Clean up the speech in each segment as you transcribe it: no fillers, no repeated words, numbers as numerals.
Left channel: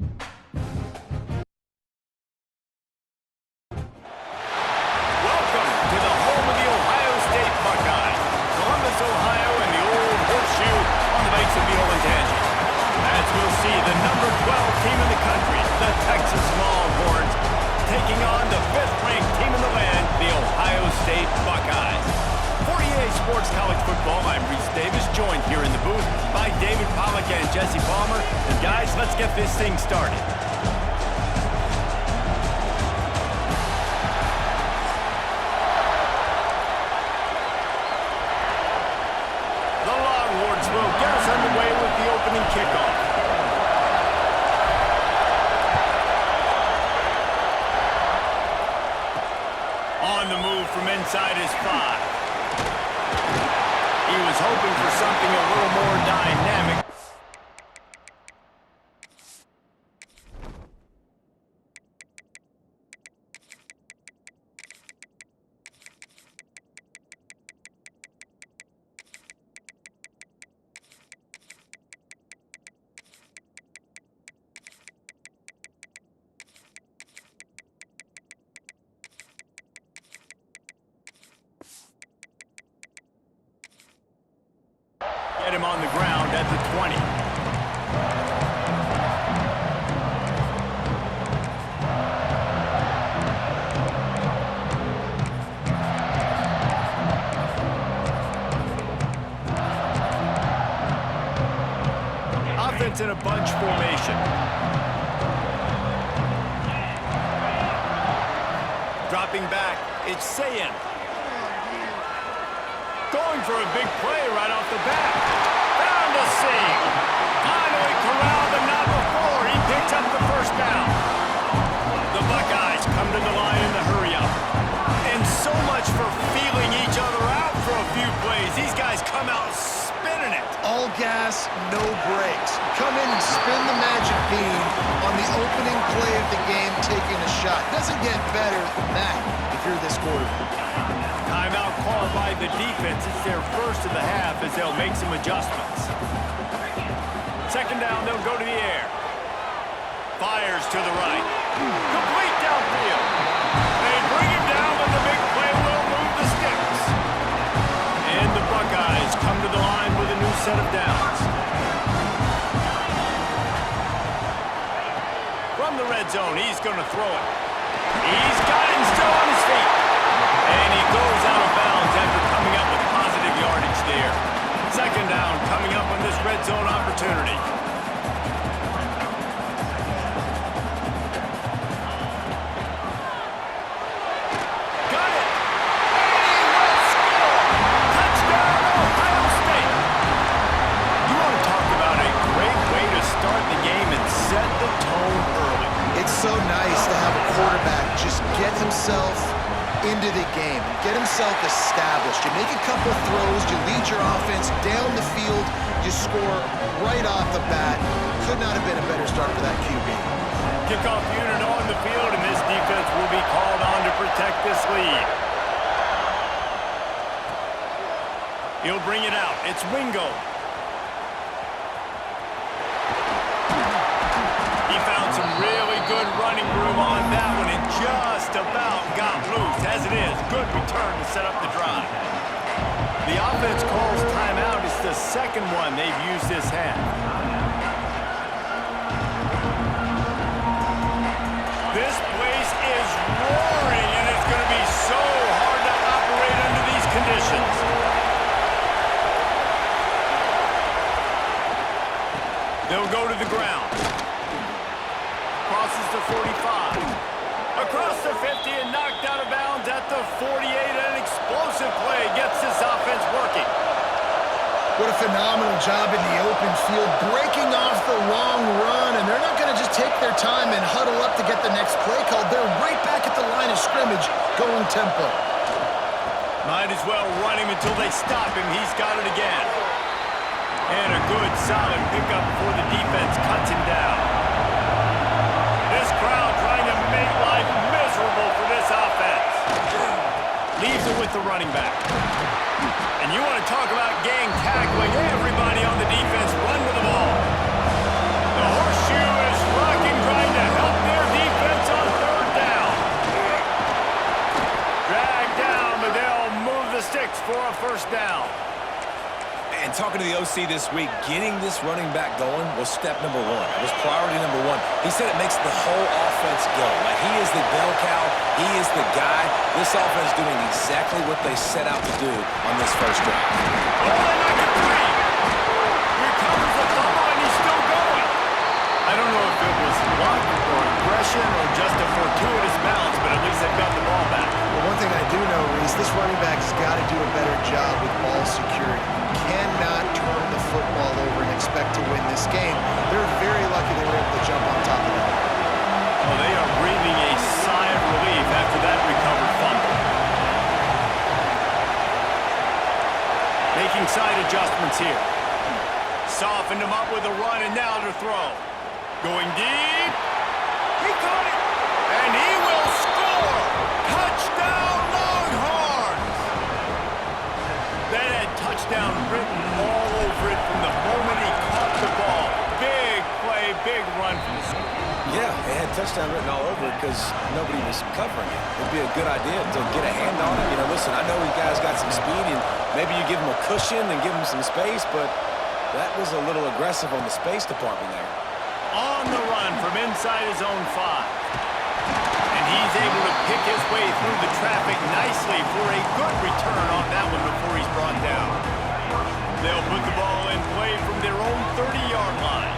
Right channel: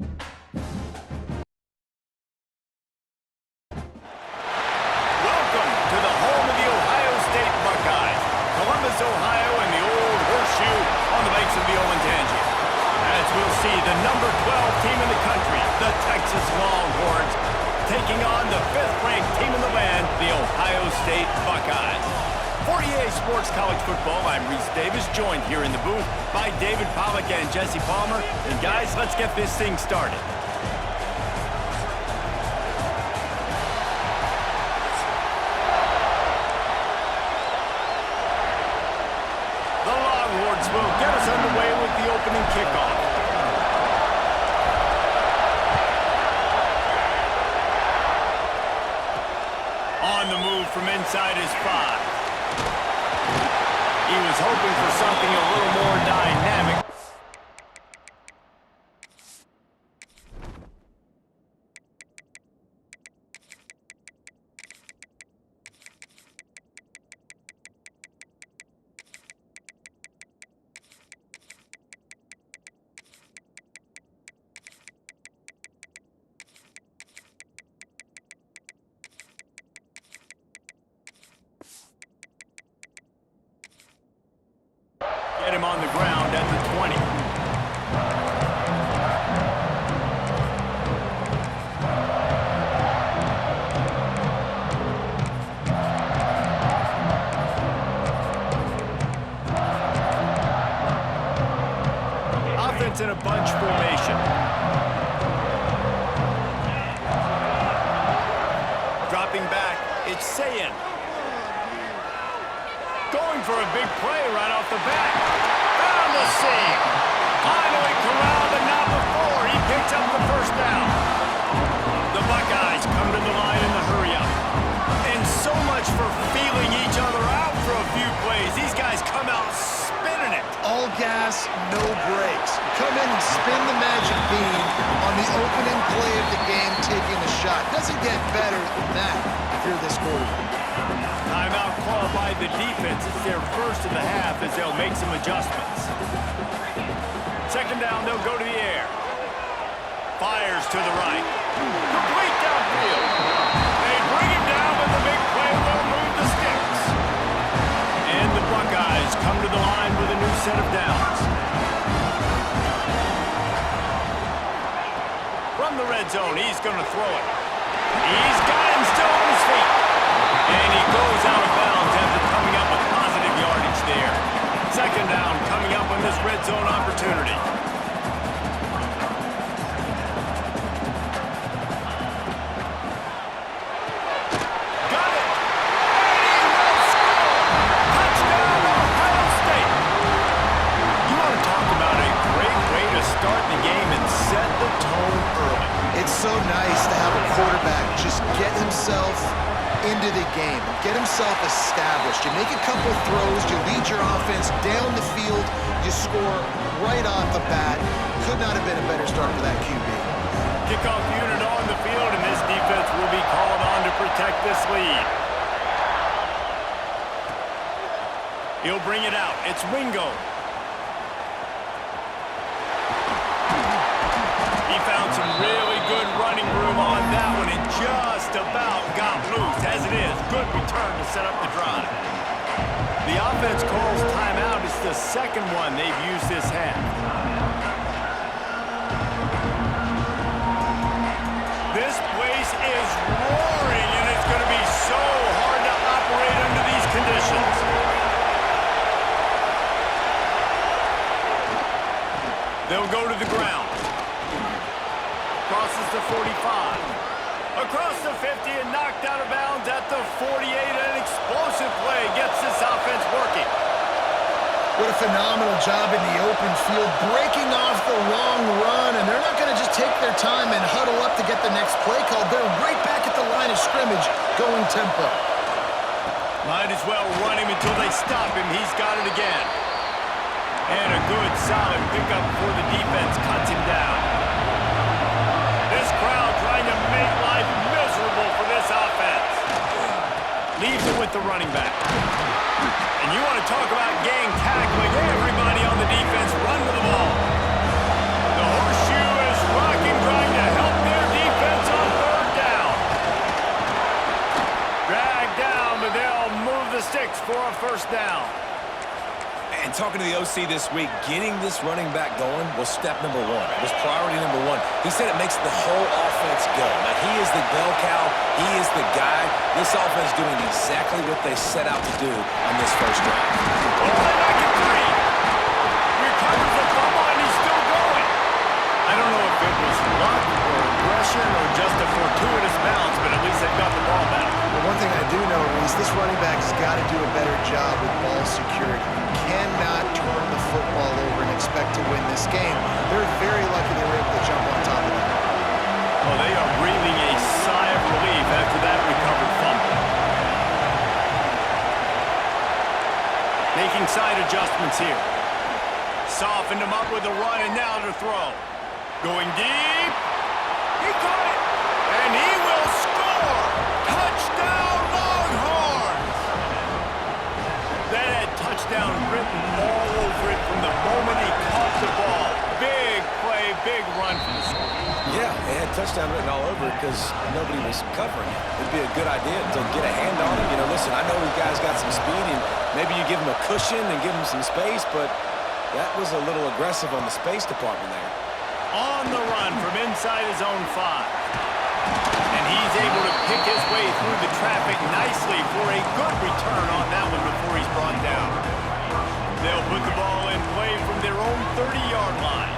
Welcome to the home of the Ohio State Buckeyes, Columbus, Ohio, and the old horseshoe on the banks of the Olentangy. As we'll see, the number 12 team in the country, the Texas Longhorns, taking on the 5th-ranked team in the land, the Ohio State Buckeyes. For EA Sports College Football, I'm Reese Davis, joined here in the booth by David Pollack and Jesse Palmer. And guys, let's get this thing started. The Longhorns will get us underway with the opening kickoff. On the move from inside his 5. He was hoping for something a little more dynamic. Get him on the ground at the 20. Offense in a bunch formation. Dropping back, it's Sayin. Going for a big play right off the bat. Found the seam. Finally corralled, but not before. He picks up the first down. The Buckeyes come to the line in the hurry-up. And so much for feeling each other out for a few plays. These guys come out spinning it. All gas, no brakes. Come in and spin the magic bean on the opening play of the game, taking a shot. Doesn't get better than that if you're this quarterback. Timeout called by the defense. It's their first of the half as they'll make some adjustments. Second down, they'll go to the air. Fires to the right. Complete downfield. They bring him down, but the big play will move the sticks. And the Buckeyes come to the line with a new set of downs. From the red zone, he's going to throw it. He's got him still on his feet. And he goes out of bounds after coming up with positive yardage there. Second down coming up on this red zone opportunity. Got it! And he will score! Touchdown, Ohio State! You want to talk about a great way to start the game and set the tone early. It's so nice to have a quarterback just get himself into the game and get himself established. You make a couple throws, you lead your offense down the field, you score right off the bat. Could not have been a better start for that QB. Kickoff unit on the field, and this defense will be called on to protect this lead. He'll bring it out. It's Wingo. He found some really good running room on that one and just about got loose. As it is, good return to set up the drive. The offense calls timeout. It's the second one they've used this half. This place is roaring, and it's going to be so hard to operate under these conditions. They'll go to the ground. Crosses the 45. Across the 50 and knocked out of bounds at the 48. An explosive play gets this offense working. What a phenomenal job in the open field, breaking off the long run, and they're not going to just take their time and huddle up to get the next play called. They're right back at the line of scrimmage, going tempo. Might as well run him until they stop him. He's got it again. And a good, solid pickup before the defense cuts him down. This crowd trying to make life miserable for this offense. Leaves it with the running back. And you want to talk about gang tackling. Everybody on the defense run to the ball. The horseshoe is Blocking trying to help their defense on third down. Dragged down, but they'll move the sticks for a first down. And talking to the OC this week, getting this running back going was step number one. It was priority number one. He said it makes the whole offense go. Like, he is the bell cow. He is the guy. This offense doing exactly what they set out to do on this first drive. Oh, they knock it free. Recovers the fumble, and he's still going. I don't know if it was luck or aggression or just a fortuitous bounce, but at least they've got the ball back. Well, one thing I do know, Reese, this running back has got to do a better job with ball security. You cannot turn the football over and expect to win this game. They're very lucky they were able to jump on top of that. Oh, they are breathing a sigh of relief after that recovered fumble. Making side adjustments here. Softened him up with a run, and now to throw. Going deep. He caught it. And he will score. Touchdown, Longhorns. That had touchdown written all over it from the moment he caught the ball. Big play, big run for the score. Yeah, it had touchdown written all over it because nobody was covering it. It'd be a good idea to get a hand on him. You know, listen, I know these guys got some speed, and maybe you give him a cushion and give him some space, but that was a little aggressive on the space department there. On the run from inside his own 5. And he's able to pick his way through the traffic nicely for a good return on that one before he's brought down. They'll put the ball in play from their own 30-yard line.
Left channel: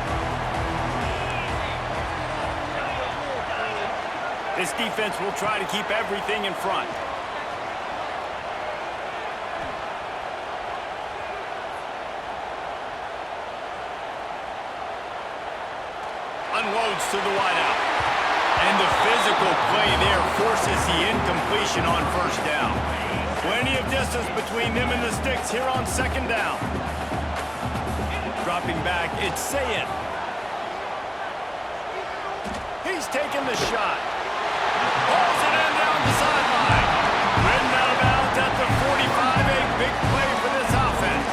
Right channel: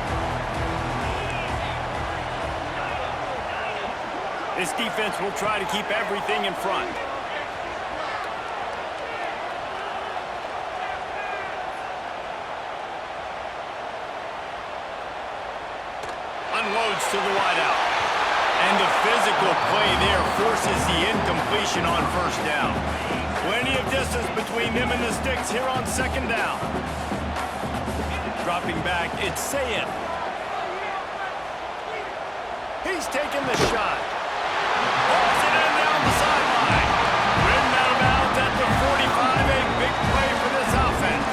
This defense will try to keep everything in front. Unloads to the wideout. And the physical play there forces the incompletion on first down. Plenty of distance between them and the sticks here on second down. Dropping back, it's Sayin. He's taking the shot. Pulls it in down the sideline. Ridden out of bounds at the 45, a big play for this offense.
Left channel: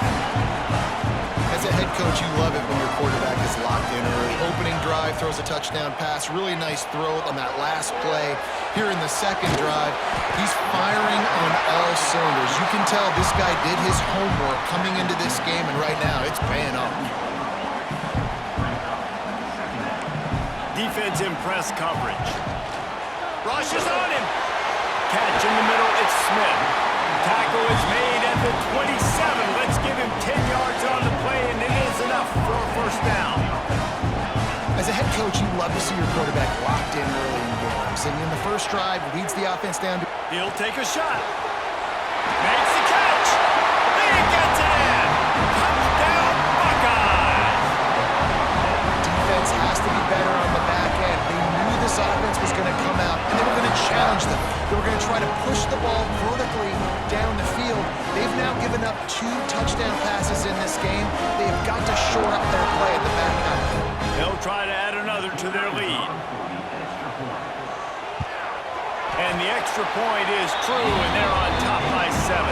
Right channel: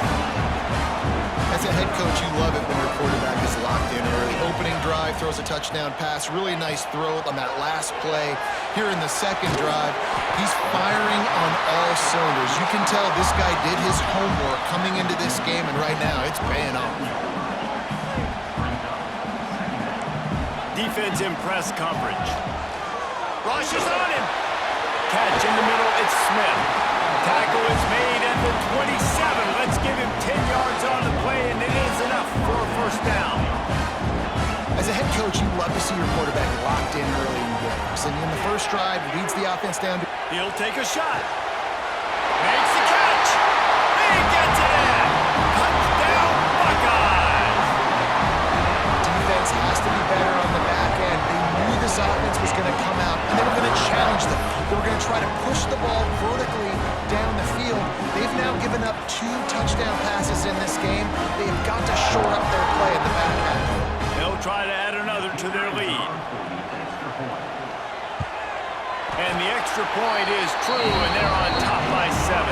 As a head coach, you love it when your quarterback is locked in early. Opening drive, throws a touchdown pass. Really nice throw on that last play. Here in the second drive, he's firing on all cylinders. You can tell this guy did his homework coming into this game, and right now it's paying off. Defense in press coverage. Rushes on him. Catch in the middle, it's Smith. Tackle is made at the 27. Let's give him 10 yards on the play, and it is enough for a first down. As a head coach, you love to see your quarterback locked in early in games. And in the first drive, leads the offense down to... He'll take a shot. Makes the catch. He gets it in. Touchdown, Buckeyes. Defense has to be better on the back end. They knew this offense was going to come out, and they were going to challenge them. They were going to try to push the ball vertically down the field. They've now given up 2 touchdown passes in this game. They have got to shore up their play in the back half. They'll try to add another to their lead. And the extra point is true, and they're on top by 7.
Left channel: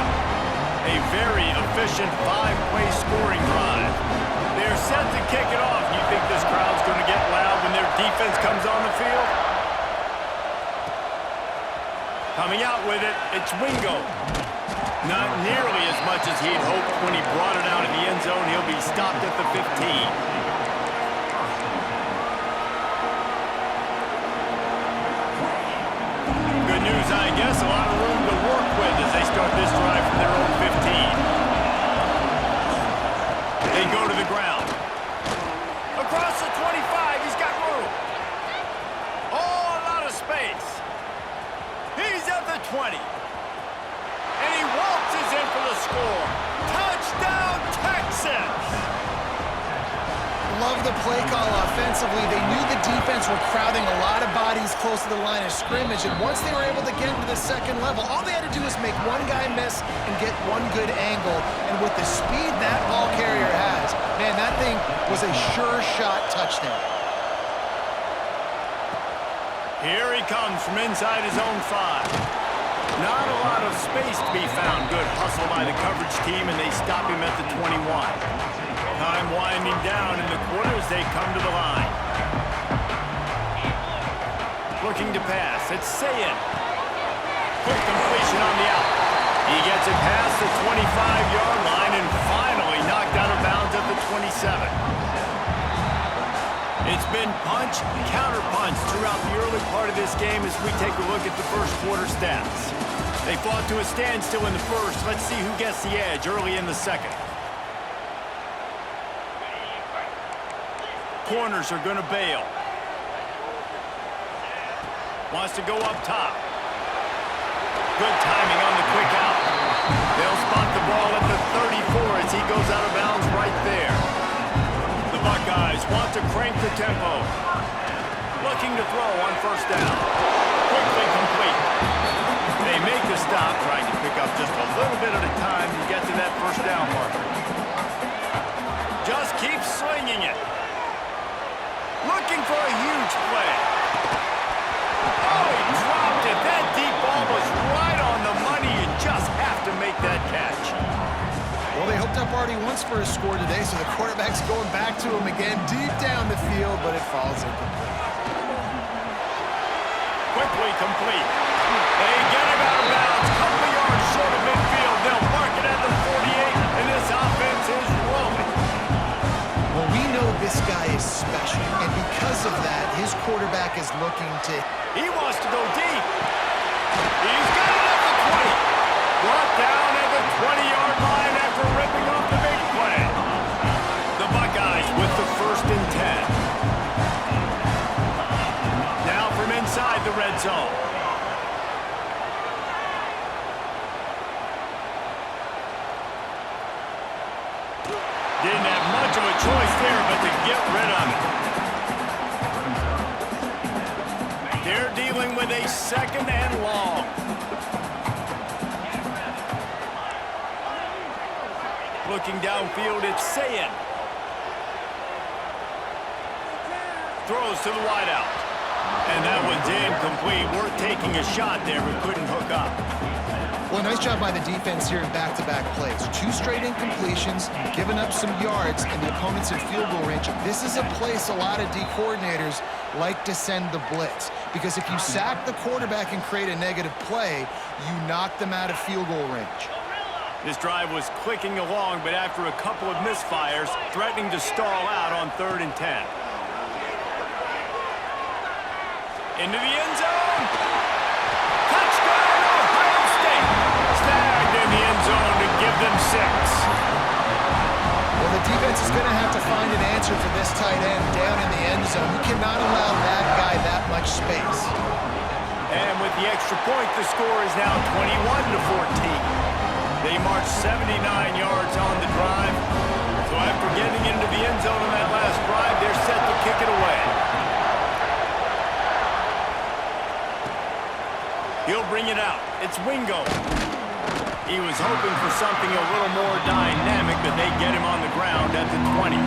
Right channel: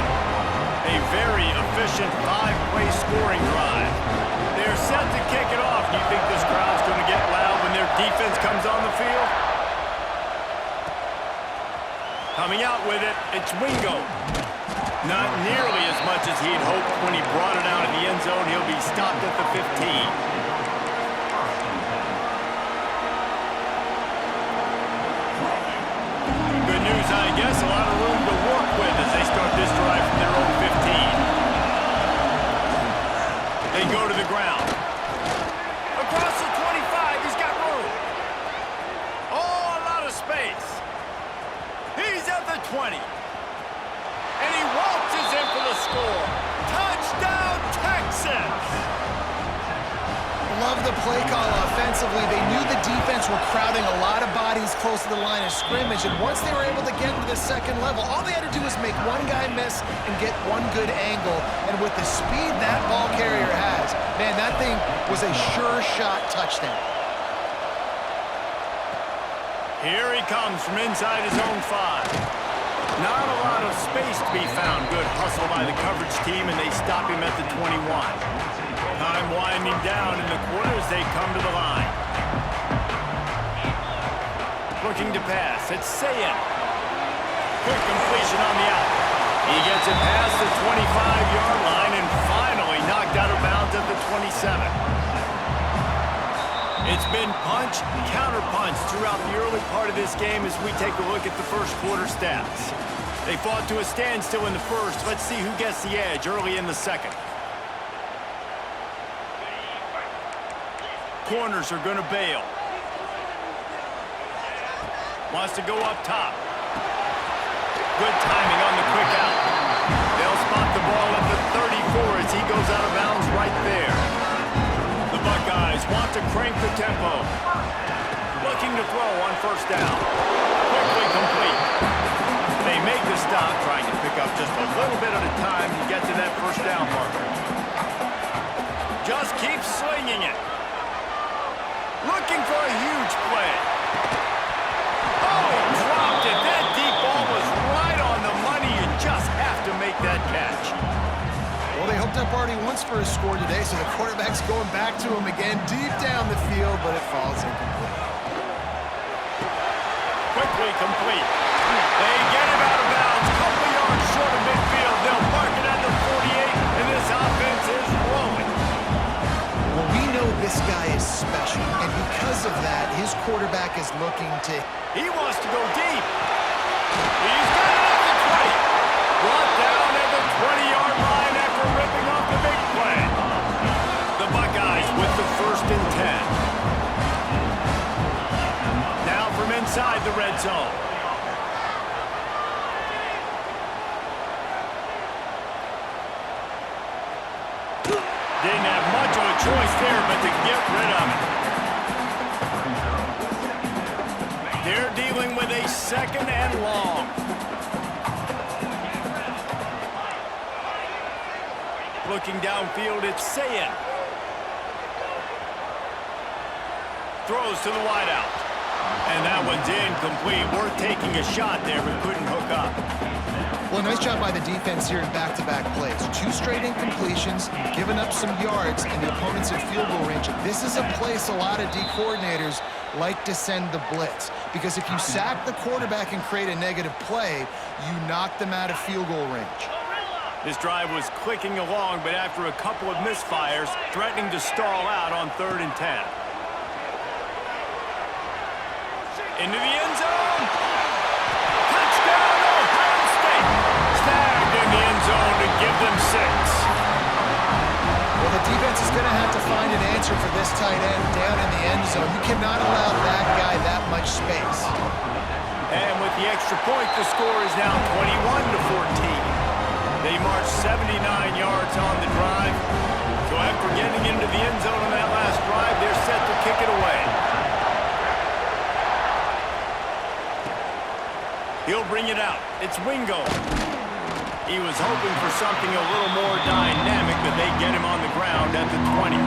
A very efficient 5-play scoring drive. They're set to kick it off. You think this crowd's going to get loud when their defense comes on the field? Coming out with it, it's Wingo. Not nearly as much as he'd hoped when he brought it out in the end zone. He'll be stopped at the 15. Good news, I guess. A lot of room to work with as they start this drive from their own 15. They go to the ground. Across the 25, he's got room. Oh, a lot of space. He's at the 20. And he waltzes in for the score. Touchdown, Texas! Love the play call offensively. They knew the defense were crowding a lot of bodies close to the line of scrimmage, and once they were able to get into the second level, all they had to do was make one guy miss and get one good angle. And with the speed that ball carrier has, man, that thing was a sure shot touchdown. Here he comes from inside his own 5. Not a lot of space to be found. Good hustle by the coverage team, and they stop him at the 21. Time winding down in the quarter as they come to the line. looking to pass. It's Sayin. Quick completion on the out. He gets it past the 25-yard line and finally knocked out of bounds at the 27. It's been punch, counter-punch throughout the early part of this game as we take a look at the first quarter stats. They fought to a standstill in the first. Let's see who gets the edge early in the second. Corners are going to bail. Wants to go up top. Good timing on the quick out. They'll spot the ball at the 34 as he goes out of bounds right there. The Buckeyes want to crank the tempo. Looking to throw on first down. Quickly complete. They make the stop, trying to pick up just a little bit at a time to get to that first down marker. Just keep slinging it. Looking for a huge play. Oh, he dropped it. That deep ball was right on the money. You just have to make that catch. Well, they hooked up already once for a score today, so the quarterback's going back to him again deep down the field, but it falls incomplete. Quickly complete. They get him out of bounds. Couple of yards short of midfield. They'll mark it at the 48, and this offense is rolling. Well, we know this guy is special, and because of that, his quarterback is looking to... He wants to go deep. He's got it at the 20. Brought down at the 20-yard line after ripping off the big play. The Buckeyes with the 1st and 10. Now from inside the red zone. Didn't have much of a choice there, but to get rid of it. They're dealing with a 2nd and long. Looking downfield, it's Sayin. Throws to the wideout. And that one's incomplete. Worth taking a shot there, but couldn't hook up. Well, nice job by the defense here in back-to-back plays. 2 straight incompletions, giving up some yards, and the opponent's in field goal range. This is a place a lot of D coordinators like to send the blitz, because if you sack the quarterback and create a negative play, you knock them out of field goal range. This drive was clicking along, but after a couple of misfires, threatening to stall out on 3rd and 10. Into the end zone. Touchdown, Ohio State. Snagged in the end zone to give them 6. Well, the defense is going to have to find an answer for this tight end down in the end zone. You cannot allow that guy that much space. And with the extra point, the score is now 21-14. They marched 79 yards on the drive. So after getting into the end zone on that last drive, they're set to kick it away. He'll bring it out. It's Wingo. He was hoping for something a little more dynamic, but they get him on the ground at the 20.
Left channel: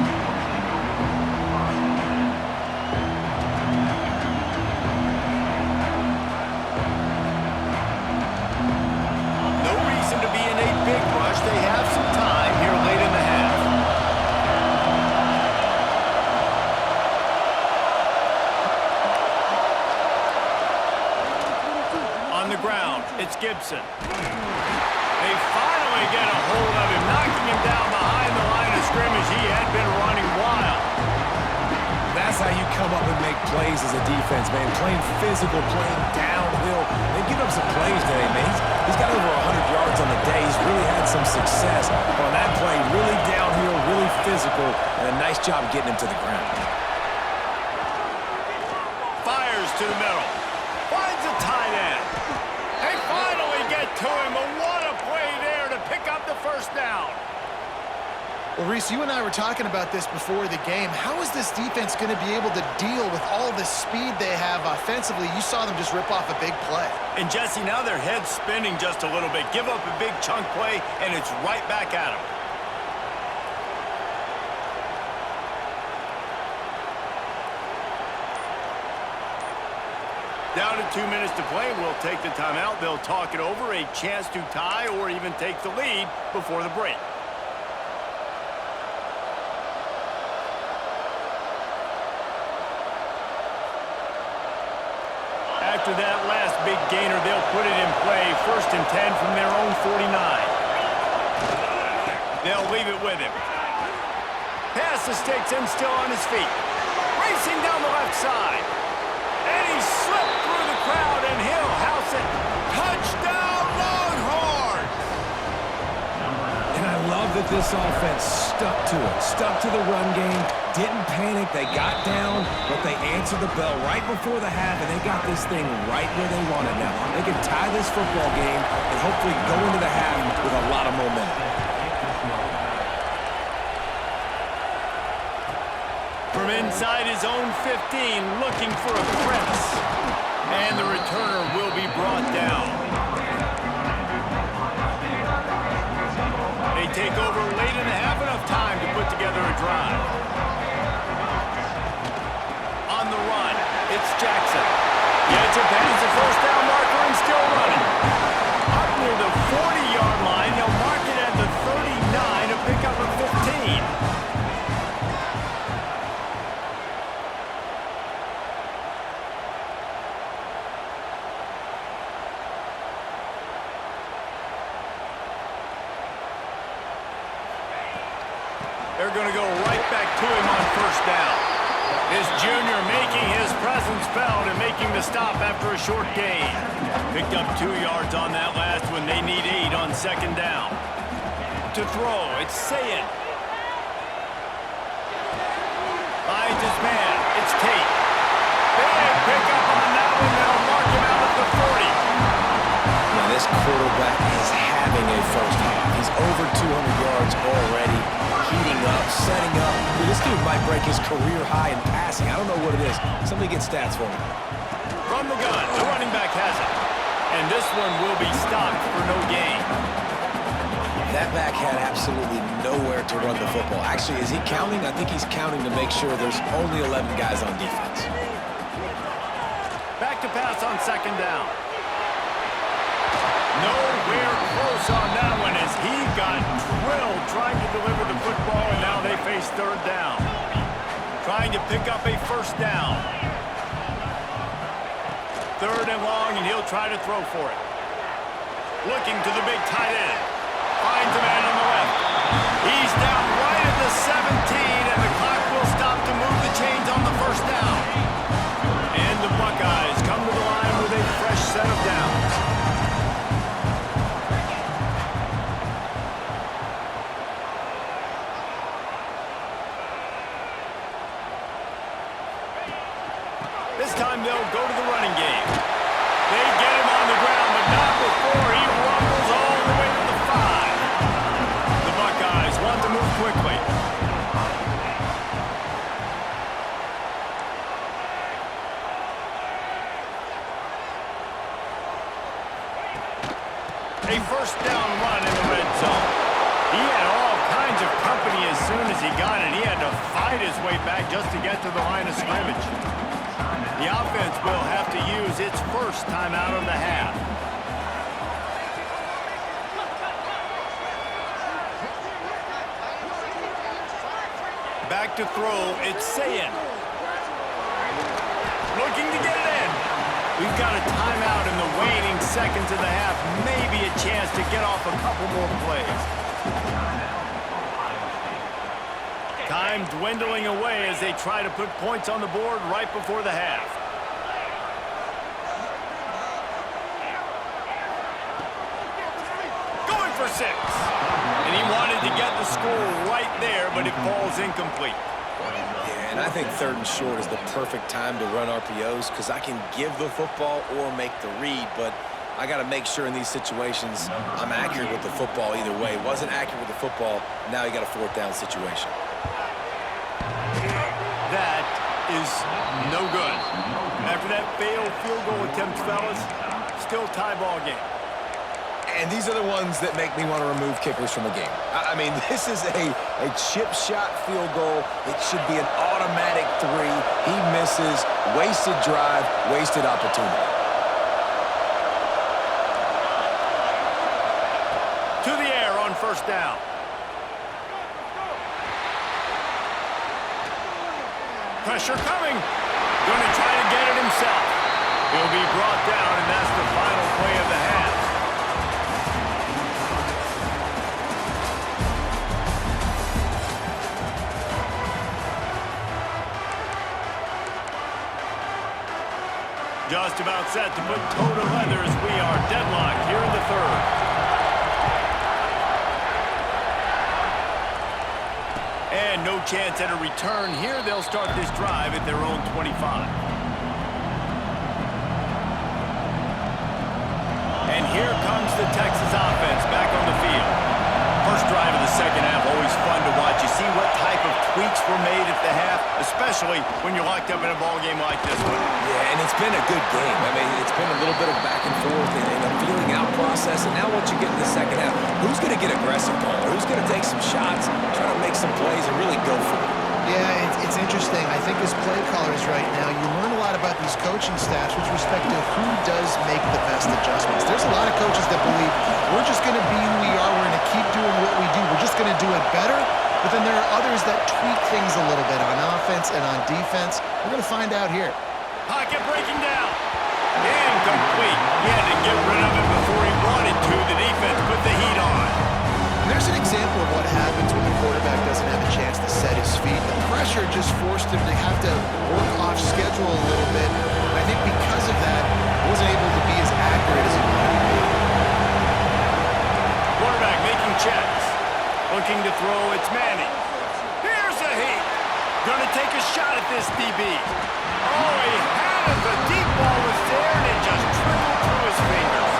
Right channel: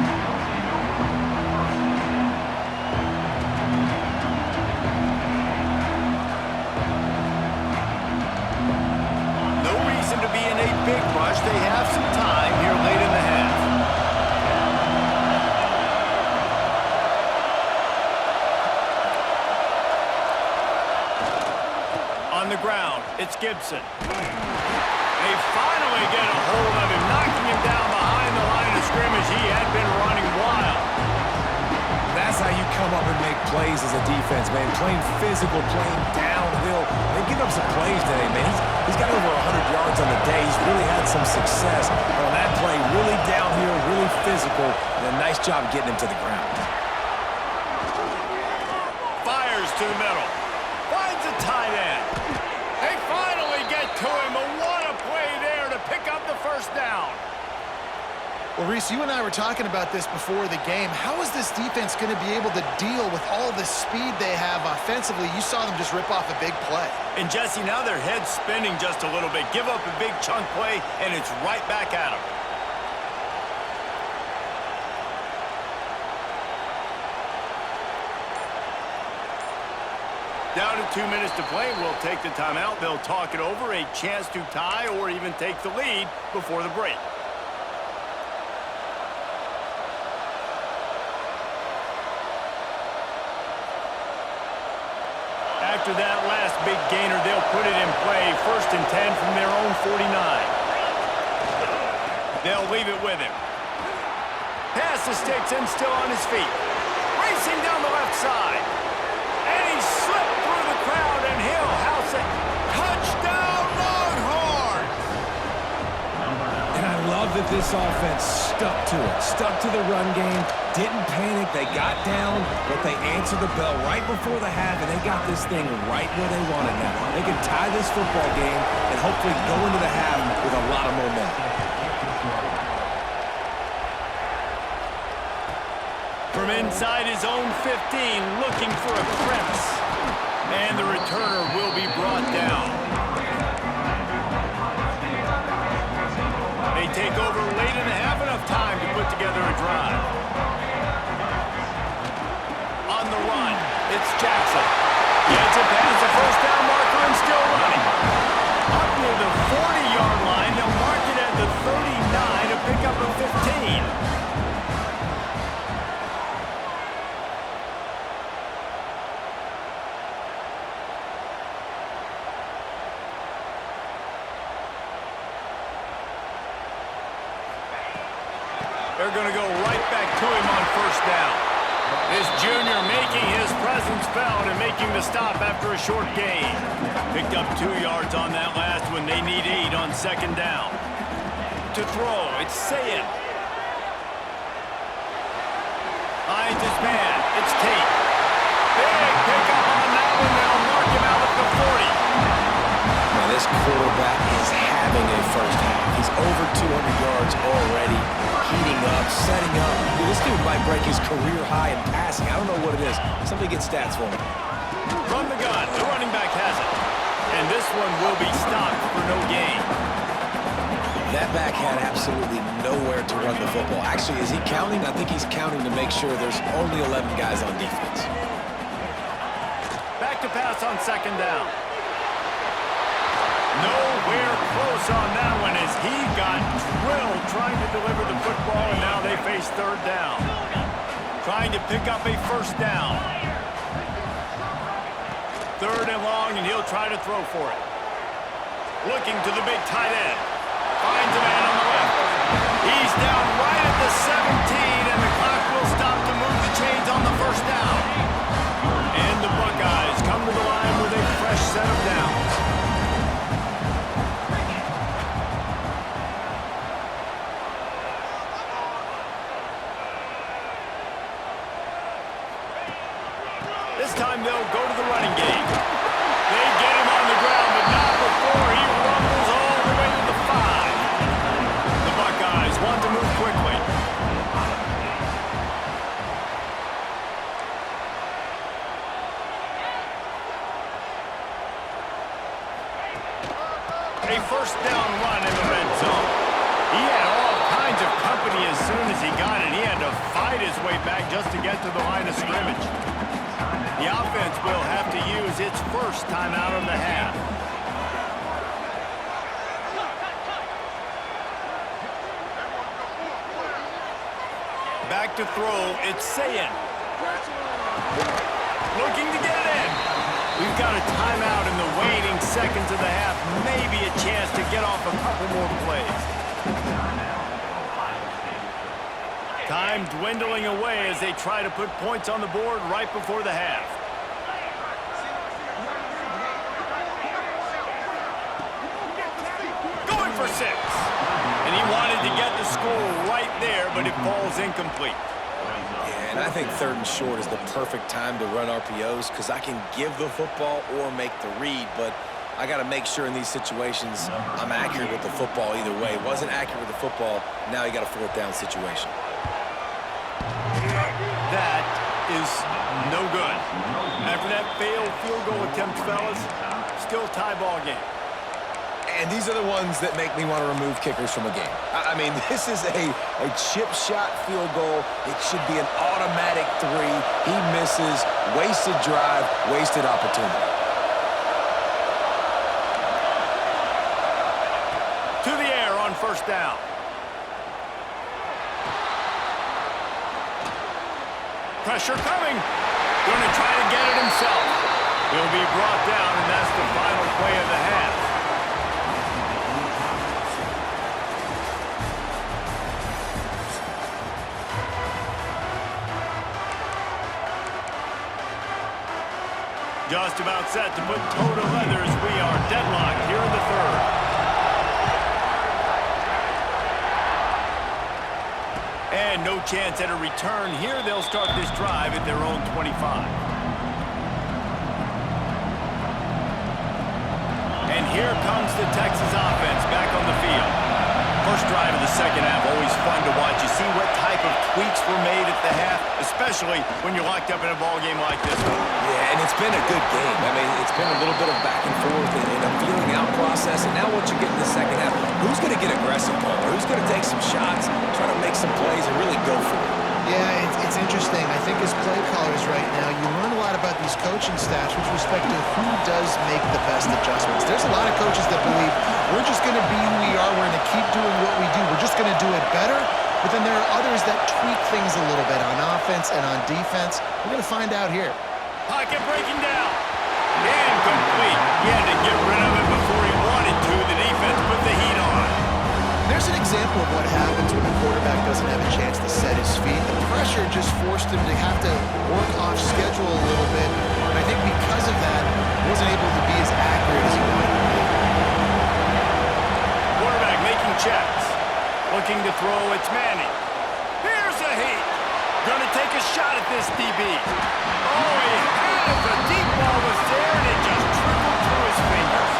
No reason to be in a big rush. They have some time here late in the half. On the ground, it's Gibson. They finally get a hold of him, knocking him down behind the line of scrimmage. He had been running wild. That's how you come up and make plays as a defense, man. Playing physical, playing downhill. They've given up some plays today, man. He's got over 100 yards on the day. He's really had some success. But on that play, really downhill, really physical, and a nice job getting him to the ground. Fires to the middle. Finds a tight end. They finally get to him. But what a play there to pick up the first down. Well, Reese, you and I were talking about this before the game. How is this defense going to be able to deal with all the speed they have offensively? You saw them just rip off a big play. And, Jesse, now their head's spinning just a little bit. Give up a big chunk play, and it's right back at them. Down to 2 minutes to play. We'll take the timeout. They'll talk it over, a chance to tie or even take the lead before the break. After that last big gainer, they'll put it in play. 1st and 10 from their own 49. They'll leave it with him. Pass the sticks and still on his feet. Racing down the left side. And he slipped through the crowd, and he'll house it. Touchdown, Longhorns! And I love that this offense stuck to it, stuck to the run game, didn't panic. They got down, but they answered the bell right before the half, and they got this thing right where they want it now. They can tie this football game and hopefully go into the half with a lot of momentum. From inside his own 15, looking for a crevice. And the returner will be brought down. They take over late and have enough time to put together a drive. On the run, it's Jackson. Gets it past the first down marker and still running. Up near the 40-yard line, they'll mark it at the 39 to pick up a 15. They're going to go right back to him on 1st down. This junior making his presence felt and making the stop after a short gain. Picked up 2 yards on that last one. They need 8 on 2nd down. To throw, it's Sayin. Finds his man. It's Tate. Big pickup on that one. They'll mark him out at the 40. Now, this quarterback is having a first half. He's over 200 yards already, heating up, setting up. Dude, this dude might break his career high in passing. I don't know what it is. Somebody get stats for me. From the gun, the running back has it. And this one will be stopped for no gain. That back had absolutely nowhere to run the football. Actually, is he counting? I think he's counting to make sure there's only 11 guys on defense. Back to pass on 2nd down. Nowhere close on that one as he got drilled trying to deliver the football, and now they face 3rd down. Trying to pick up a 1st down. 3rd and long, and he'll try to throw for it. Looking to the big tight end. Finds a man on the left. He's down right at the 17, and the clock will stop to move the chains on the 1st down. And the Buckeyes come to the line with a fresh set of downs. This time they'll go to the running game. They get him on the ground, but not before he rumbles all the way to the 5. The Buckeyes want to move quickly. A 1st down run in the red zone. He had all kinds of company as soon as he got it. He had to fight his way back just to get to the line of scrimmage. The offense will have to use its 1st timeout of the half. Back to throw, it's Sayin. Looking to get it in. We've got a timeout in the waning seconds of the half. Maybe a chance to get off a couple more plays. Time dwindling away as they try to put points on the board right before the half. Going for 6. And he wanted to get the score right there, but it falls incomplete. Yeah, and I think 3rd and short is the perfect time to run RPOs because I can give the football or make the read, but I got to make sure in these situations I'm accurate with the football either way. Wasn't accurate with the football, now you got a 4th down situation. That is no good. After that failed field goal attempt, fellas, still tie ball game. And these are the ones that make me want to remove kickers from a game. I mean, this is a chip shot field goal. It should be an automatic 3. He misses, wasted drive, wasted opportunity. To the air on 1st down. Pressure coming. Going to try to get it himself. He'll be brought down, and that's the final play of the half. Just about set to put toe to leather as we are deadlocked here in the third. And no chance at a return here. They'll start this drive at their own 25. And here comes the Texas offense back on the field. First drive of the second half, always fun to watch. You see what type of tweaks were made at the half, especially when you're locked up in a ball game like this one. Yeah, and it's been a good game. I mean, it's been a little bit of back and forth and a feeling out process. And now once you get in the second half, who's going to get aggressive, Paul? Who's going to take some shots, try to make some plays, and really go for it? Yeah, it's interesting. I think as play callers right now, you learn a lot about these coaching staffs with respect to who does make the best adjustments. There's a lot of coaches that believe we're just going to be who we are. We're going to keep doing what we do. We're just going to do it better. But then there are others that tweak things a little bit on offense and on defense. We're going to find out here. Pocket breaking down. Incomplete. He had to get rid of it before he wanted to. The defense put the heat on. There's an example of what happens when the quarterback doesn't have a chance to set his feet. The pressure just forced him to have to work off schedule a little bit. And I think because of that, he wasn't able to be as accurate as he wanted to be. Quarterback making checks. Looking to throw, it's Manning. Here's a heat. Gonna take a shot at this DB. Oh, he had it. The deep ball was there, and it just trickled through his fingers.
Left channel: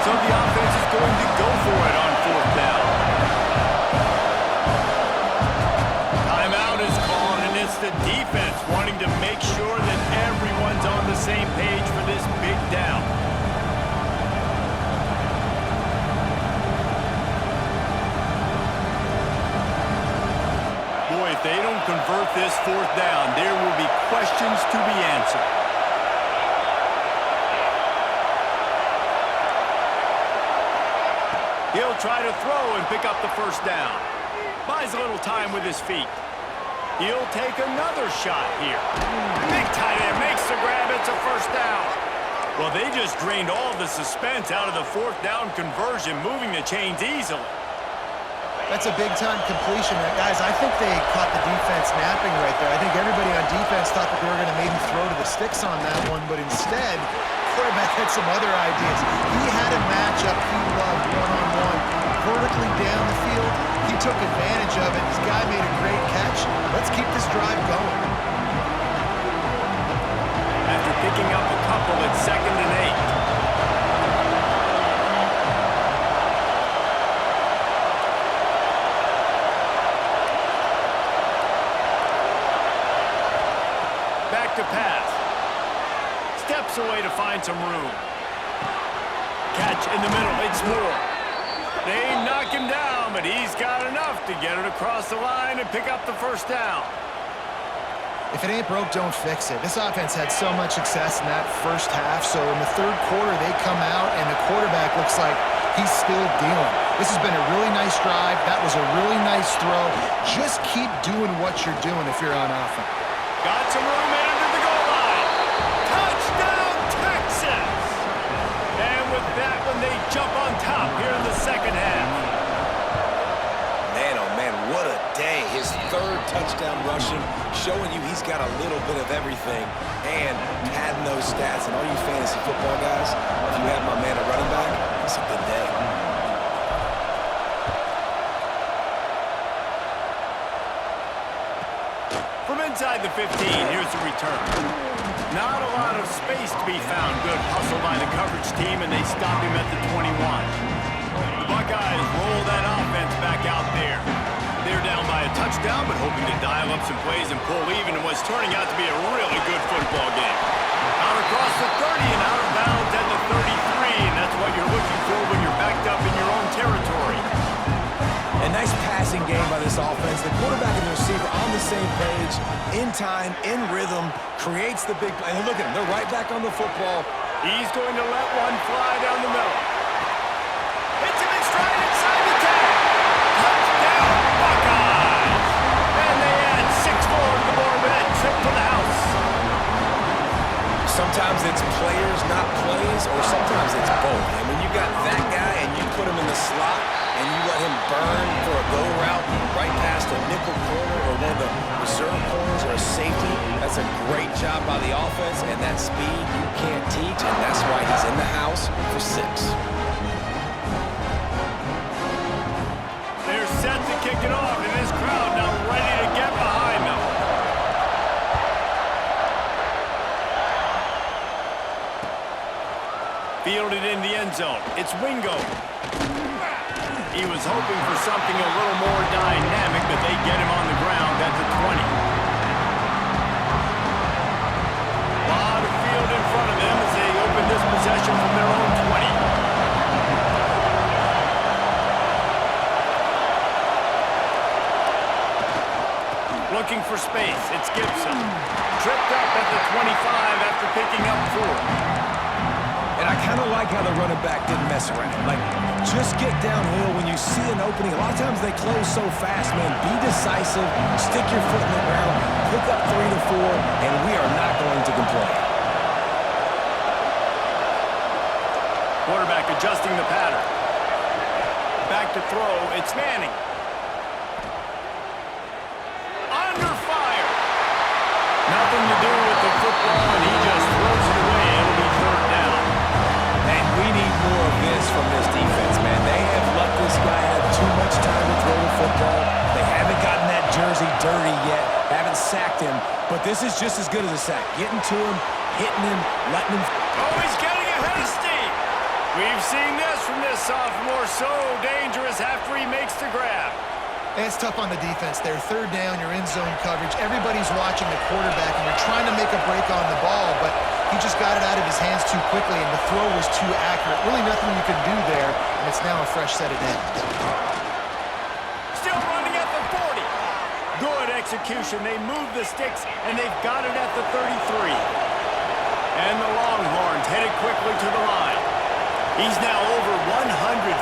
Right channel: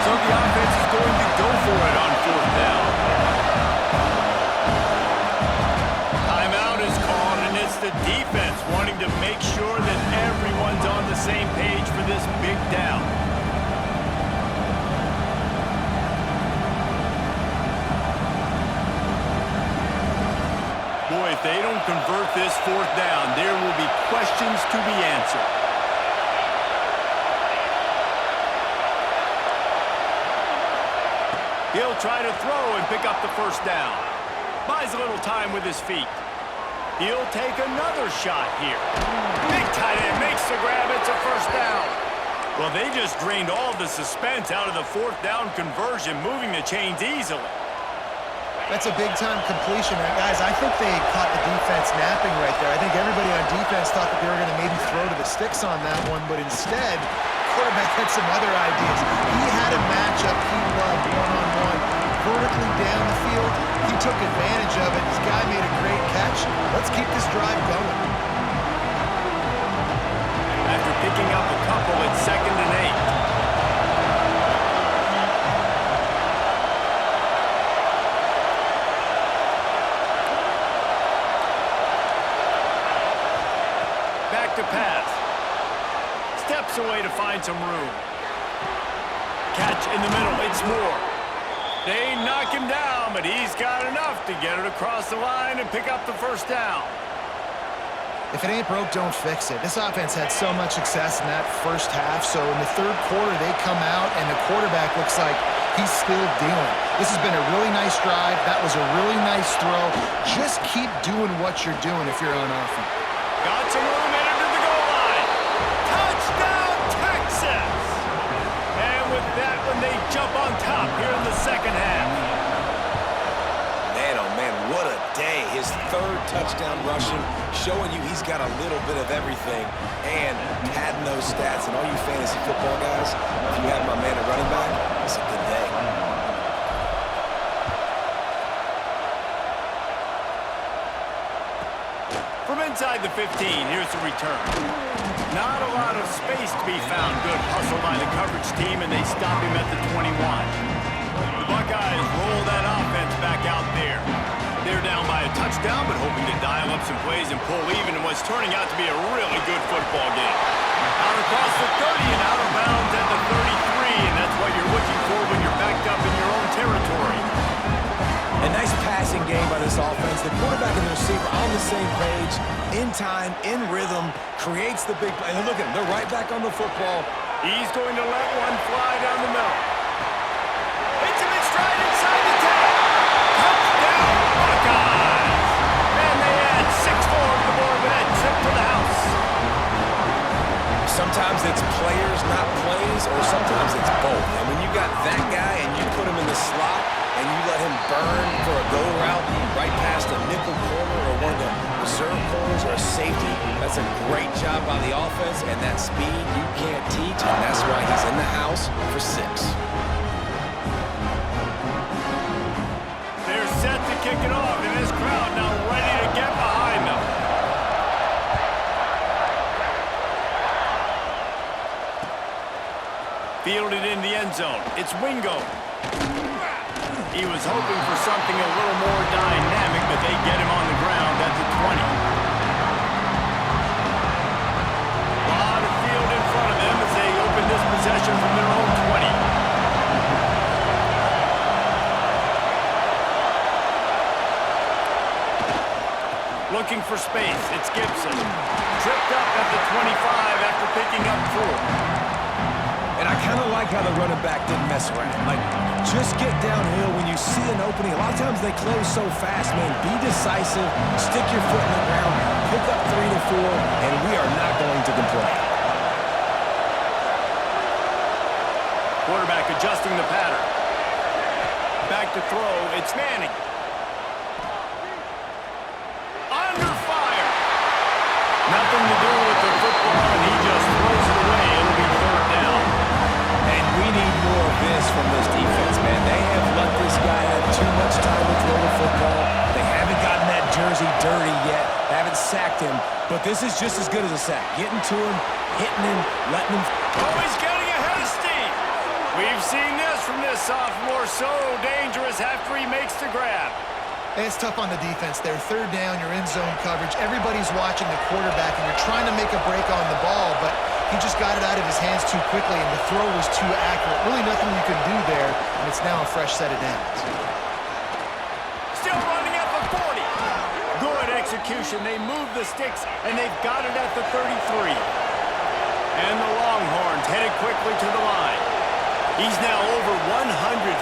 So the offense is going to go for it on fourth down. Timeout is called, and it's the defense wanting to make sure that everyone's on the same page for this big down. Boy, if they don't convert this fourth down, there will be questions to be answered. He'll try to throw and pick up the first down. Buys a little time with his feet. He'll take another shot here. Big tight end makes the grab. It's a first down. Well, they just drained all the suspense out of the fourth down conversion, moving the chains easily. That's a big-time completion. Guys, I think they caught the defense napping right there. I think everybody on defense thought that they were going to maybe throw to the sticks on that one, but instead, quarterback had some other ideas. He had a matchup he loved one-on-one, vertically down the field. He took advantage of it. This guy made a great catch. Let's keep this drive going. After picking up a couple, it's 2nd and 8. Back to pass. Steps away to find some room. Catch in the middle. It's Moore. They knock him down, but he's got enough to get it across the line and pick up the first down. If it ain't broke, don't fix it. This offense had so much success in that first half, so in the third quarter, they come out, and the quarterback looks like he's still dealing. This has been a really nice drive. That was a really nice throw. Just keep doing what you're doing if you're on offense. Got some room in under the goal line. Touchdown, Texas! And with that one, they jump on top here in the second half. Man, oh man, what a day. His third touchdown rushing, showing you he's got a little bit of everything and padding those stats. And all you fantasy football guys, if you have my man at running back, it's a good day. From inside the 15, here's the return. Not a lot of space to be found. Good hustle by the coverage team, and they stop him at the 21. The Buckeyes roll that offense back out there. They're down by a touchdown, but hoping to dial up some plays and pull even in what's turning out to be a really good football game. Out across the 30 and out of bounds at the 33, and that's what you're looking for when you're backed up in your own territory. A nice passing game by this offense. The quarterback and the receiver on the same page, in time, in rhythm, creates the big play. And look at them, they're right back on the football. He's going to let one fly down the middle. Hits him in stride inside the 10. Touchdown, Buckeyes! And they add 6 more to the board with that trip to the house. Sometimes it's players, not plays, or sometimes it's both. And when you got that guy and you put him in the slot and you let him burn for a go route right past a nickel corner or one of the reserve corners or a safety, that's a great job by the offense, and that speed you can't teach, and that's why he's in the house for 6. They're set to kick it off, and this crowd now ready to get behind them. Fielded in the end zone. It's Wingo. He was hoping for something a little more dynamic, but they get him on the ground at the 20. A lot of field in front of them as they open this possession from their own 20. Looking for space. It's Gibson. Tripped up at the 25 after picking up 4. And I kind of like how the running back didn't mess around. Like, just get downhill when you see an opening. A lot of times they close so fast, man. Be decisive, stick your foot in the ground, pick up 3 to 4, and we are not going to complain. Quarterback adjusting the pattern. Back to throw. It's Manning. Under fire. Nothing to do with the football, and he just throws it away. It'll be 3rd down. And we need more of this from this defense, man. They have let this guy have too much time to throw the football. They haven't gotten that jersey dirty yet, haven't sacked him, but this is just as good as a sack. Getting to him, hitting him, letting him... Oh, he's getting ahead of steam. We've seen this from this sophomore, so dangerous after he makes the grab. It's tough on the defense there. 3rd down, you're in zone coverage. Everybody's watching the quarterback, and you're trying to make a break on the ball, but he just got it out of his hands too quickly, and the throw was too accurate. Really nothing you can do there, and it's now a fresh set of downs. Still running at the 40. Good execution. They move the sticks, and they've got it at the 33. And the Longhorns headed quickly to the line. He's now over 150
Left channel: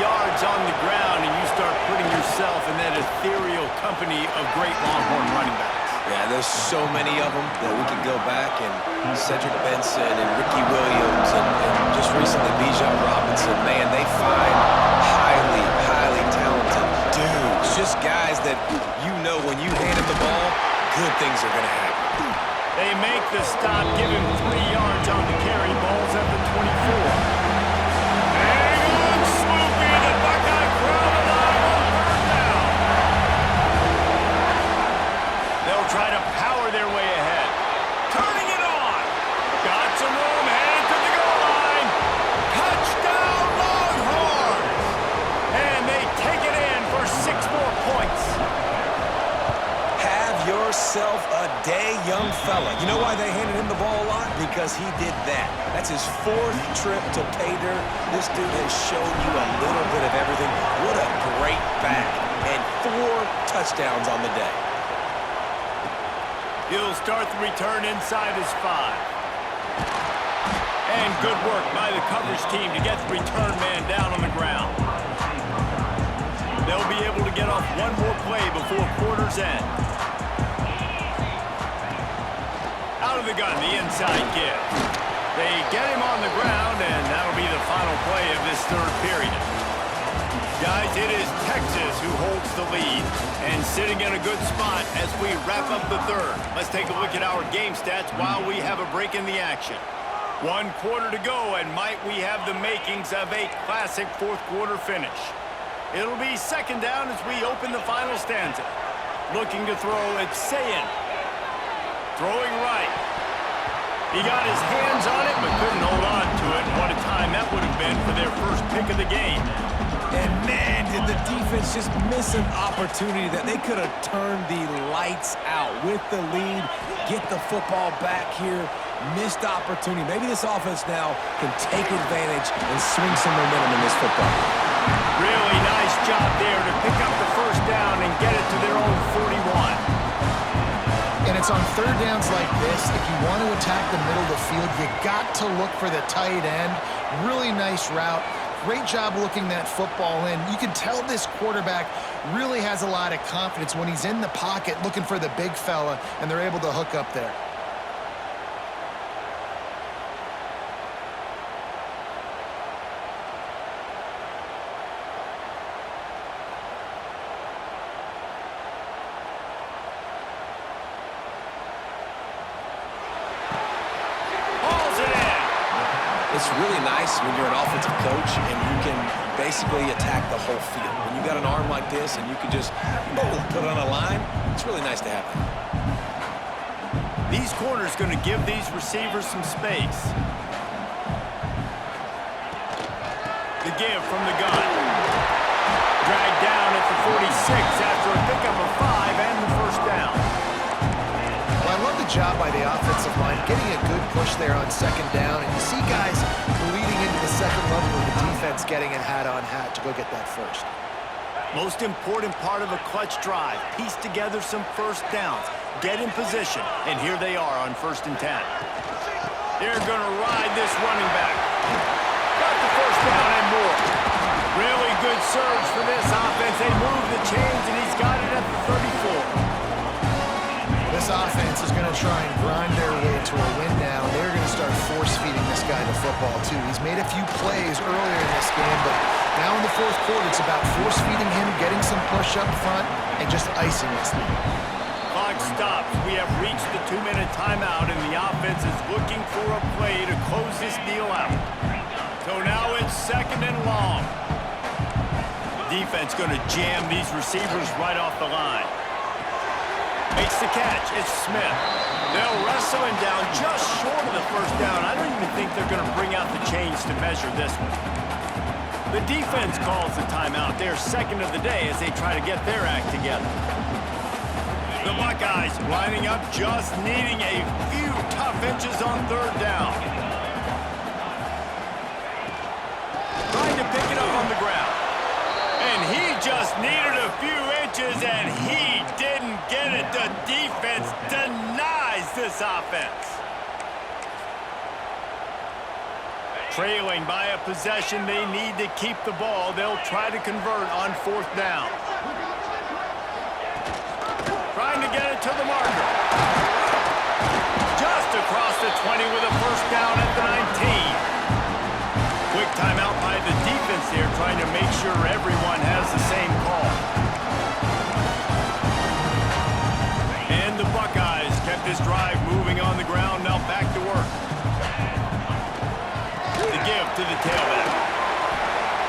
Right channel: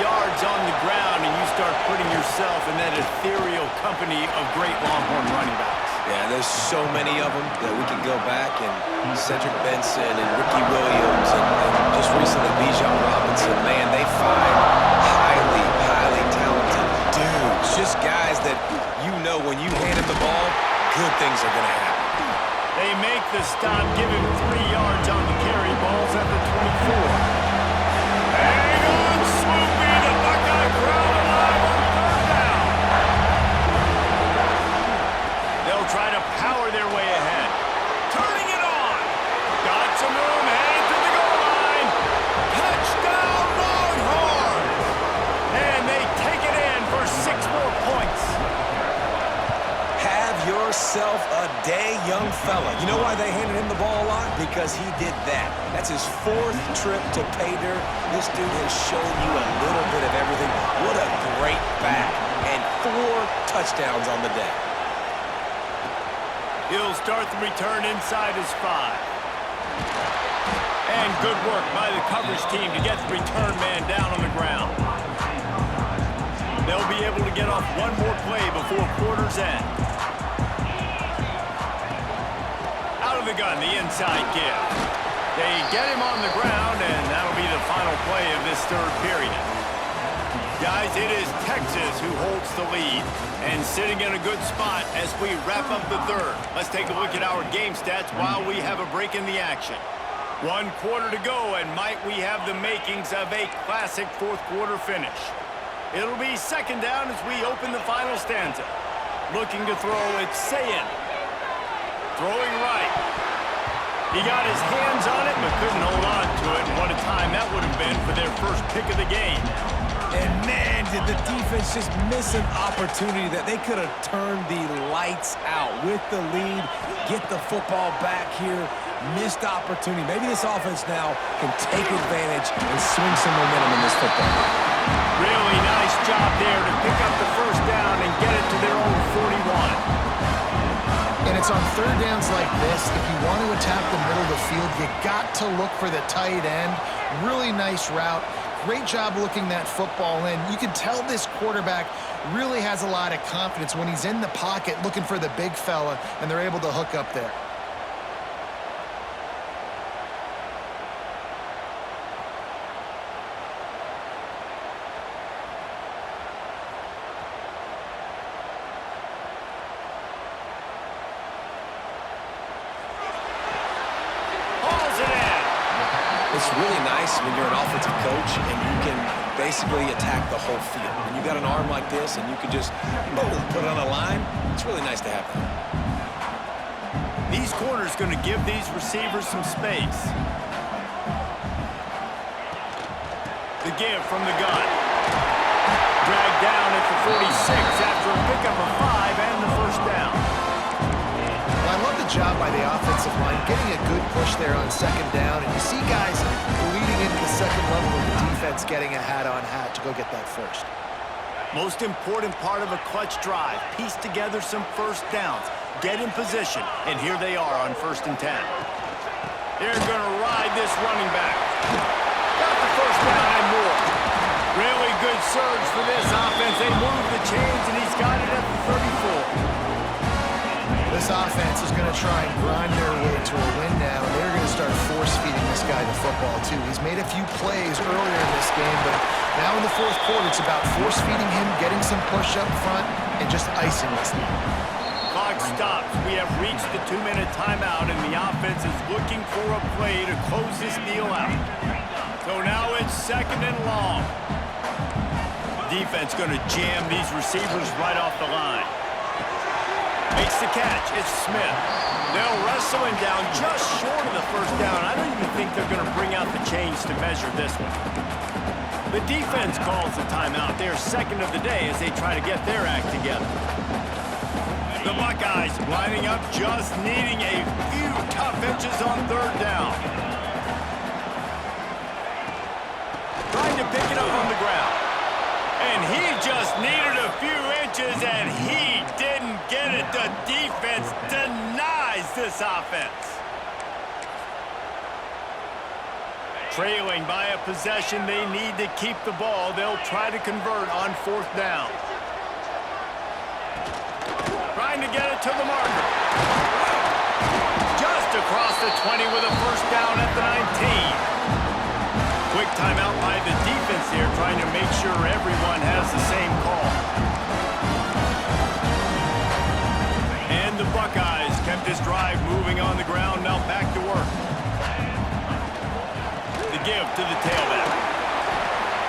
yards on the ground, and you start putting yourself in that ethereal company of great Longhorn running backs. Yeah, there's so many of them that we can go back, and Cedric Benson and Ricky Williams and just recently Bijan Robinson. Man, they find highly, highly talented dudes. Just guys that you know when you hand them the ball, good things are going to happen. They make the stop, give him 3 yards on the carry. Ball's at the 24. Hang on, Swoopy, the Buckeye crowd alive on 3rd down. They'll try to power their way ahead. Turning it on. Got some room, headed to the goal line. Touchdown, Longhorns. And they take it in for 6 more points. Have yourself a day, young fella. You know why they handed him the ball a lot? Because he did that. That's his 4th trip to pay dirt. This dude has shown you a little bit of everything. What a great back. And 4 touchdowns on the day. He'll start the return inside his 5. And good work by the coverage team to get the return man down on the ground. They'll be able to get off one more play before quarter's end. Out of the gun, the inside give. They get him on the ground, and that'll be the final play of this 3rd period. Guys, it is Texas who holds the lead and sitting in a good spot as we wrap up the 3rd. Let's take a look at our game stats while we have a break in the action. 1 quarter to go, and might we have the makings of a classic 4th quarter finish. It'll be 2nd down as we open the final stanza. Looking to throw, it's Sayin. Throwing right. He got his hands on it, but couldn't hold on to it. And what a time that would have been for their first pick of the game. And man, did the defense just miss an opportunity that they could have turned the lights out with the lead, get the football back here, missed opportunity. Maybe this offense now can take advantage and swing some momentum in this football game. Really nice job there to pick up the 1st down and get it to their own 41. And it's on 3rd downs like this, if you want to attack the middle of the field, you got to look for the tight end. Really nice route. Great job looking that football in. You can tell this quarterback really has a lot of confidence when he's in the pocket looking for the big fella, and they're able to hook up there. It's really nice when you're an offensive coach and you can basically attack the whole field. When you got an arm like this and you can just, boom, put it on a line, it's really nice to have that. These corners going to give these receivers some space. The give from the gun. Dragged down at the 46 after a pickup of 5 and the first down. Well, I love the job by the offensive line, getting a good push there on second down, and you see guys bleeding into the second level of the defense getting a hat-on-hat to go get that first. Most important part of a clutch drive, piece together some first downs, get in position, and here they are on 1st and 10. They're going to ride this running back. Got the first down and more. Really good surge for this offense. They move the chains, and he's got it at the 34. This offense is going to try and grind their way to a win now, and they're going to start force-feeding this guy the football, too. He's made a few plays earlier in this game, but now in the 4th quarter, it's about force-feeding him, getting some push up front, and just icing this thing. Clock stops. We have reached the 2-minute timeout, and the offense is looking for a play to close this deal out. So now it's 2nd and long. Defense going to jam these receivers right off the line. Makes the catch. It's Smith. They'll wrestle him down just short of the first down. I don't even think they're going to bring out the chains to measure this one. The defense calls the timeout. They're 2nd of the day as they try to get their act together. The Buckeyes lining up, just needing a few tough inches on 3rd down. Trying to pick it up on the ground. And he just needed a few inches, and he didn't get it. The defense denies this offense. Trailing by a possession, they need to keep the ball. They'll try to convert on 4th down. Trying to get it to the marker. Just across the 20 with a first down at the 19. Quick timeout by the defense here, trying to make sure everyone has the same call. And the Buckeyes kept this drive moving on the ground, now back to work. The give to the tailback.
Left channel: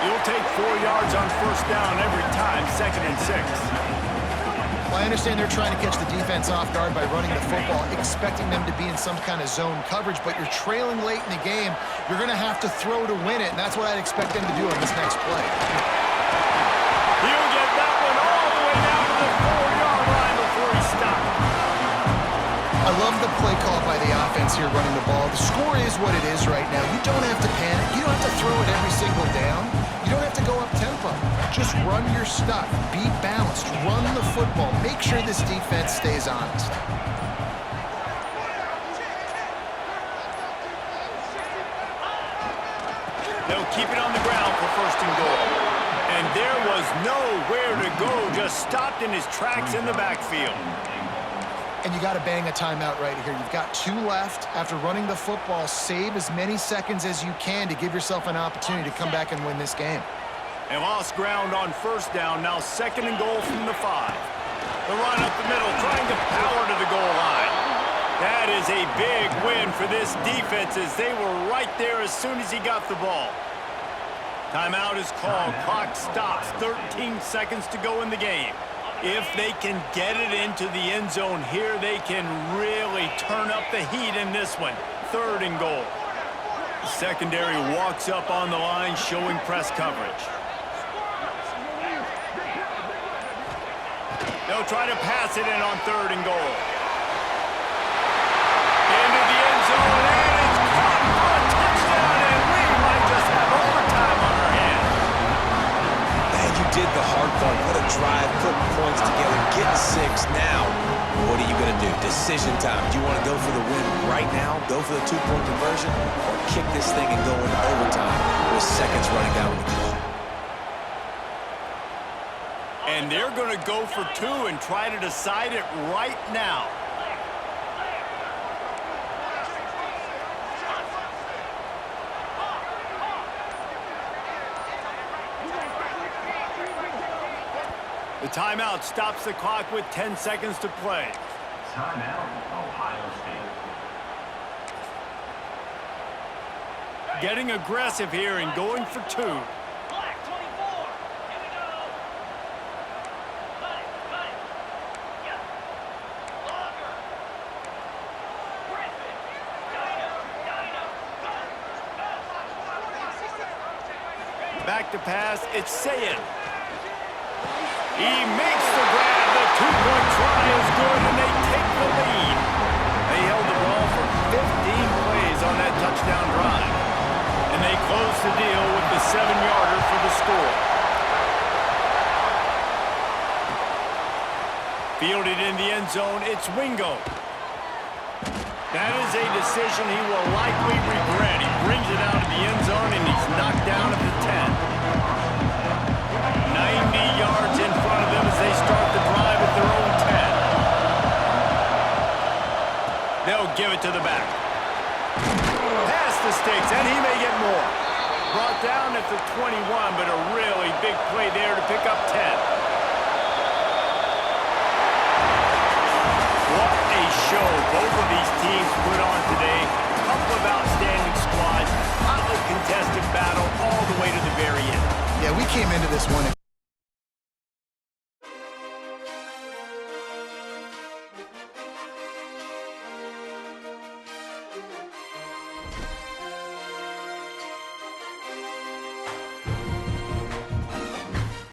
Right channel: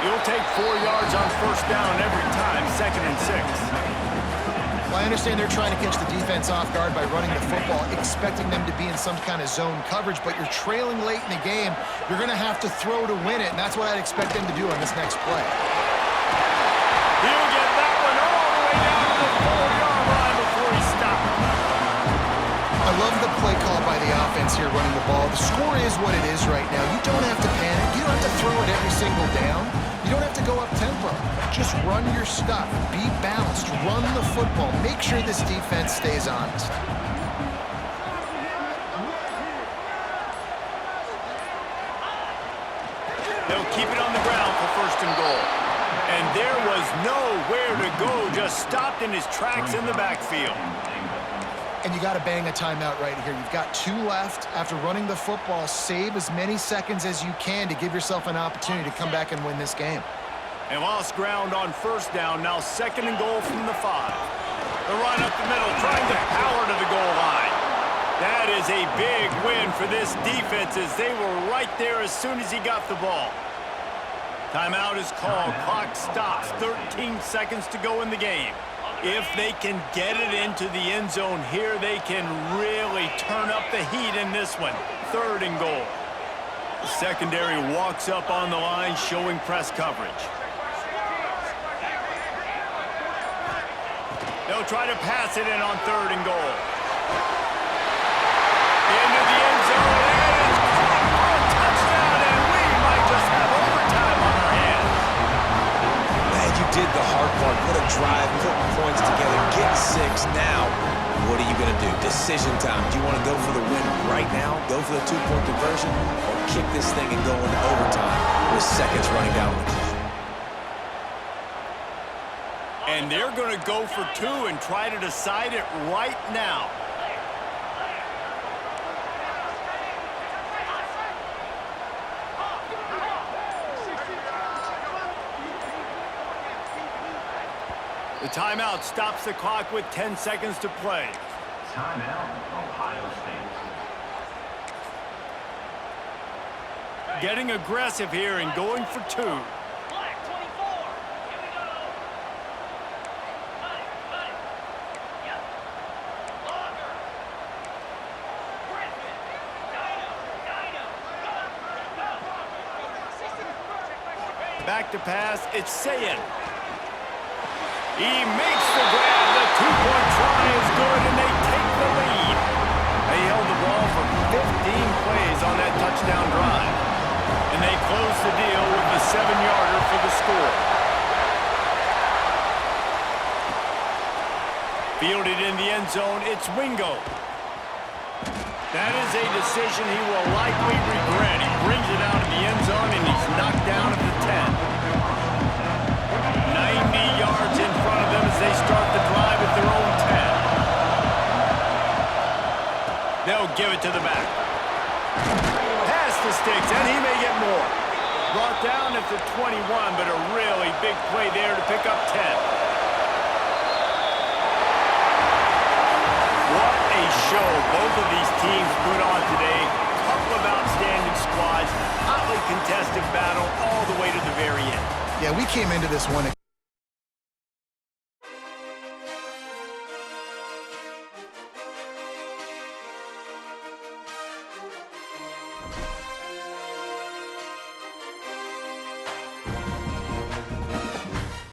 You'll take 4 yards on 1st down every time, 2nd and 6. Well, I understand they're trying to catch the defense off guard by running the football, expecting them to be in some kind of zone coverage, but you're trailing late in the game. You're going to have to throw to win it, and that's what I'd expect them to do on this next play. He'll get that one all the way down to the 4-yard line before he stopped. I love the play call by the offense here running the ball. The score is what it is right now. You don't have to panic. You don't have to throw it every single down. You don't have to go up tempo. Just run your stuff. Be balanced. Run the football. Make sure this defense stays honest. They'll keep it on the ground for 1st and goal. And there was nowhere to go. Just stopped in his tracks in the backfield. And you got to bang a timeout right here. You've got 2 left. After running the football, save as many seconds as you can to give yourself an opportunity to come back and win this game. They lost ground on 1st down, now 2nd and goal from the 5. The run up the middle, trying to power to the goal line. That is a big win for this defense as they were right there as soon as he got the ball. Timeout is called. Clock stops. 13 seconds to go in the game. If they can get it into the end zone here, they can really turn up the heat in this one. 3rd and goal. The secondary walks up on the line, showing press coverage. They'll try to pass it in on 3rd and goal. Into the end zone, and it's caught for a touchdown, and we might just have overtime on our hands. Man, you did the hard part. What a drive, putting points together, getting 6. Now, what are you going to do? Decision time. Do you want to go for the win right now, go for the 2-point conversion, or kick this thing and go into overtime with seconds running down on the clock? And they're going to go for 2 and try to decide it right now. The timeout stops the clock with 10 seconds to play. Timeout, Ohio State. Getting aggressive here and going for two. Black 24. Here we go. Cut it. Yep. Longer. Griffin. Dino. Go. Back to pass. It's Sayin. He makes the grab. The two-point try is good, and they take the lead. They held the ball for 15 plays on that touchdown drive. And they close the deal with the 7-yarder for the score. Fielded in the end zone, it's Wingo. That is a decision he will likely regret. He brings it out of the end zone, and he's knocked down at the 10. 90 yards in front of them as they start the drive at their own 10. They'll give it to the back. Past the sticks, and he may get more. Brought down at the 21, but a really big play there to pick up 10. What a show both of these teams put on today. Couple of outstanding squads, hotly contested battle all the way to the very end. Yeah, we came into this one